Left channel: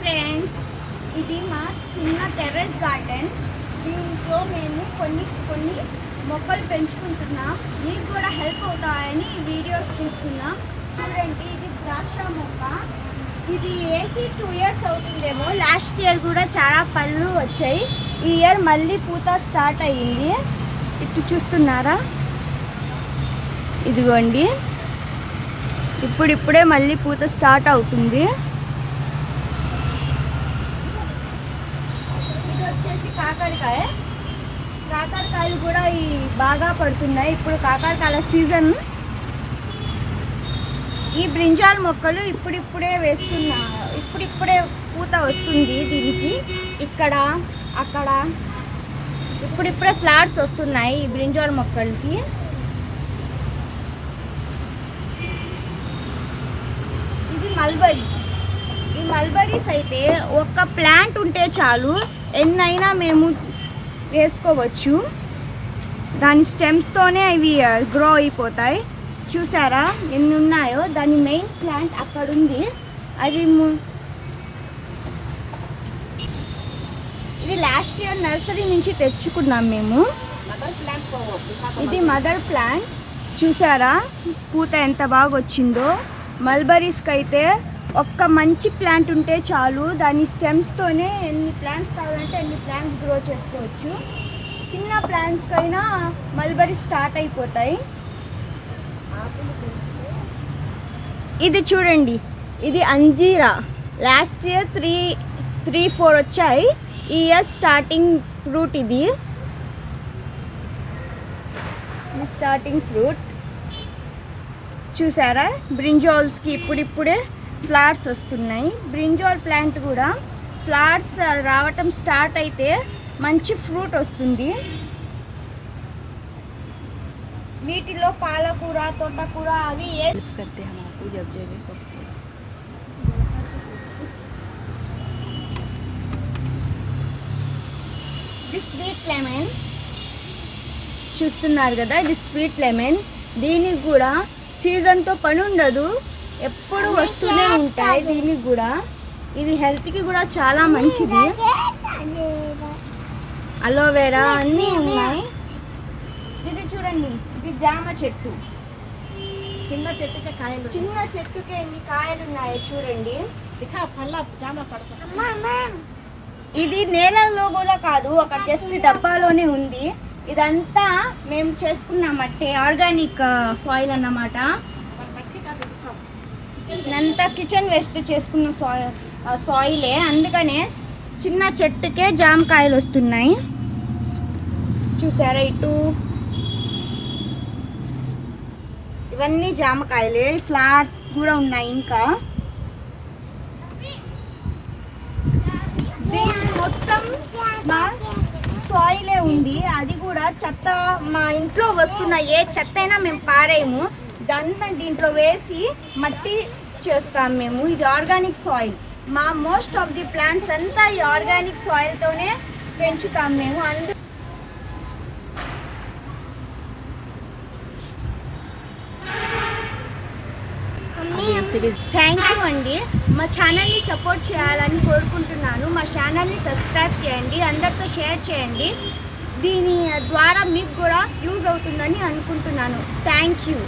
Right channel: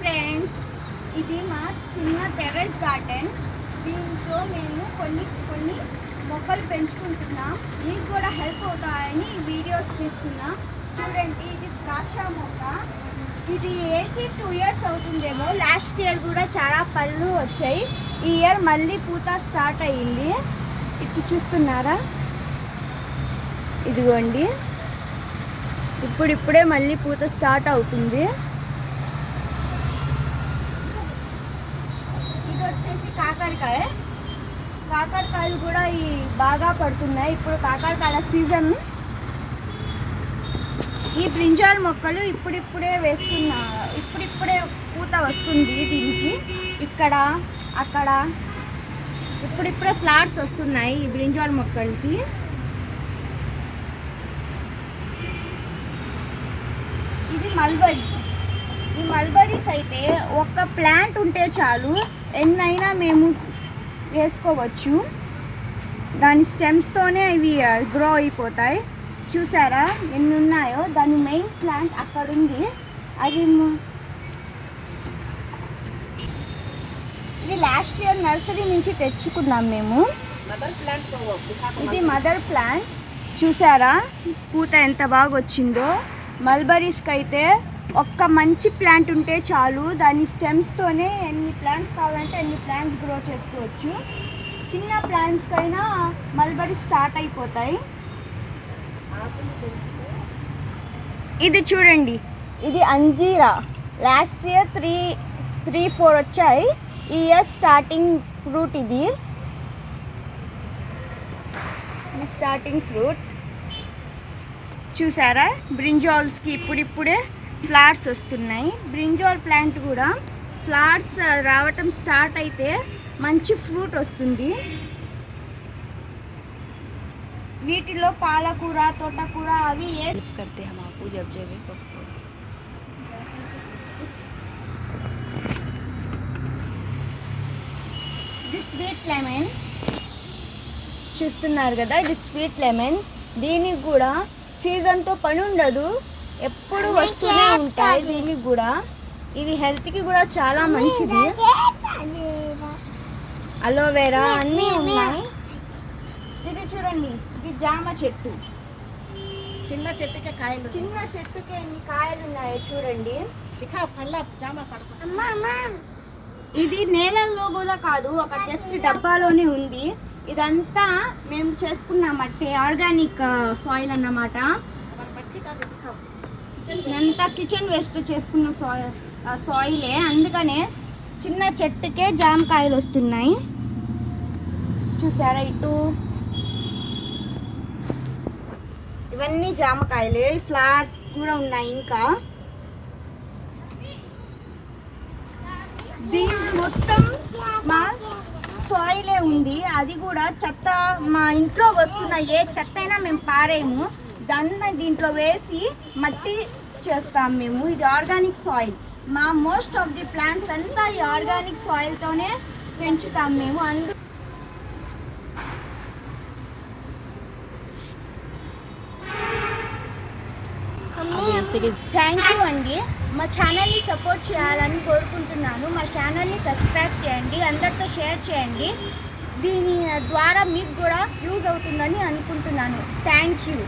Friends, ఇది మా చిన్న టెర్రస్ గార్డెన్. దీంట్లో మేము కొన్ని మొక్కలు పెంచుకుంటున్నాం. మీకు కూడా హెల్ప్ అవుతాయని ఈ వీడియోస్ తీస్తున్నాం. చూడండి, ఇది ద్రాక్ష మొక్క. ఇది వేసి 2 years అవుతుందేమో. లాస్ట్ ఇయర్ కూడా చాలా పళ్ళు వచ్చాయి. ఈ ఇయర్ మళ్ళీ పూత స్టార్ట్ అయ్యింది. ఇది చూస్తున్నారా? ఇదిగోండి, ఇప్పుడిప్పుడే మళ్ళీ పూత స్టార్ట్ అవుతుంది. ఇది వచ్చేసి కాకరకాయలు కూడా బాగా పడుతున్నాయి. ఇప్పుడు కాకరకాయల సీజన్. ఈ బ్రింజాల్ మొక్కలు ఇప్పుడిప్పుడే ఇప్పుడిప్పుడే పూత వస్తుంది దీనికి. ఇక్కడ అక్కడ ఇప్పుడిప్పుడే ఫ్లవర్స్ వస్తున్నాయి ఈ బ్రింజాల్ మొక్కలకి. ఇది మల్బరీ. ఈ మల్బరీస్ అయితే ఒక్క ప్లాంట్ ఉంటే చాలు, ఎన్నైనా మేము వేసుకోవచ్చు. దాని స్టెమ్స్తోనే ఇవి గ్రో అయిపోతాయి. చూసారా ఎన్ని ఉన్నాయో? దాని మెయిన్ ప్లాంట్ అక్కడ ఉంది. అది ఇది లాస్ట్ ఇయర్ నర్సరీ నుంచి తెచ్చుకున్నాం మేము. ఇది మదర్ ప్లాంట్. చూసారా పూత ఎంత బాగా వచ్చిందో? మల్బరీస్కి అయితే ఒక్క మంచి ప్లాంట్ ఉంటే చాలు, దాని స్టెమ్స్తోనే ఎన్ని ప్లాంట్స్ కావాలంటే ఎన్ని ప్లాంట్స్ గ్రో చేసుకోవచ్చు. చిన్న ప్లాంట్స్కైనా మల్బరీ స్టార్ట్ అయిపోతాయి. ఇది చూడండి, ఇది అంజీరా. లాస్ట్ ఇయర్ 3-4 వచ్చాయి. ఈ ఇయర్ స్టార్టింగ్ ఫ్రూట్. ఇది స్టార్టింగ్ ఫ్రూట్. చూసారా? బ్రింజాల్స్కి ఇప్పుడిప్పుడే ఫ్లవర్స్ వస్తున్నాయి. బ్రింజాల్ ప్లాంట్ కూడా ఫ్లవర్స్ రావటం స్టార్ట్ అయితే మంచి ఫ్రూట్ వస్తుంది. వీటిలో పాలకూర, తోటకూర అవి ఇది స్వీట్ లెమన్. చూస్తున్నారు కదా, ఇది స్వీట్ లెమన్. దీనికి కూడా సీజన్తో పని ఉండదు, ఎప్పుడు వస్తూనే ఉంటాయి. దీనికి కూడా ఇవి హెల్త్కి కూడా చాలా మంచిది. అలోవెరా అన్నీ ఉన్నాయి. ఇది చూడండి, ఇది జామ చెట్టు. చిన్న చెట్టుకే ఎన్ని కాయలు ఉన్నాయి చూడండి. ఇది నేలల్లో కూడా కాదు, ఒక జస్ట్ డబ్బాలోనే ఉంది. ఇదంతా మేము చేసుకున్న మట్టి, ఆర్గానిక్ సాయిల్ అన్నమాట. ఇదంతా కిచెన్ వేస్ట్ చేసుకున్న సాయిలే. అందుకనే చిన్న చెట్టుకే జామకాయలు వస్తున్నాయి. చూసారా? ఇటు ఇవన్నీ జామకాయలే. ఫ్లవర్స్ కూడా ఉన్నాయి. ఇంకా దీని మొత్తం మా సాయిలే ఉంది. అది కూడా చెత్త, మా ఇంట్లో వస్తున్న ఏ చెత్త అయినా మేము పారేయము. దాన్ని దీంట్లో వేసి మట్టి చేస్తాం మేము. ఇది ఆర్గానిక్ సాయిల్. మా మోస్ట్ ఆఫ్ ది ప్లాంట్స్ అంతా ఈ ఆర్గానిక్ సాయిల్తోనే పెంచుతాం మేము. థ్యాంక్ యూ అండి. మా ఛానల్ని సపోర్ట్ చేయాలని కోరుకుంటున్నాను. మా ఛానల్ని సబ్స్క్రైబ్ చేయండి, అందరితో షేర్ చేయండి. దీని ద్వారా మీకు కూడా యూజ్ అవుతుందని అనుకుంటున్నాను. Thank you.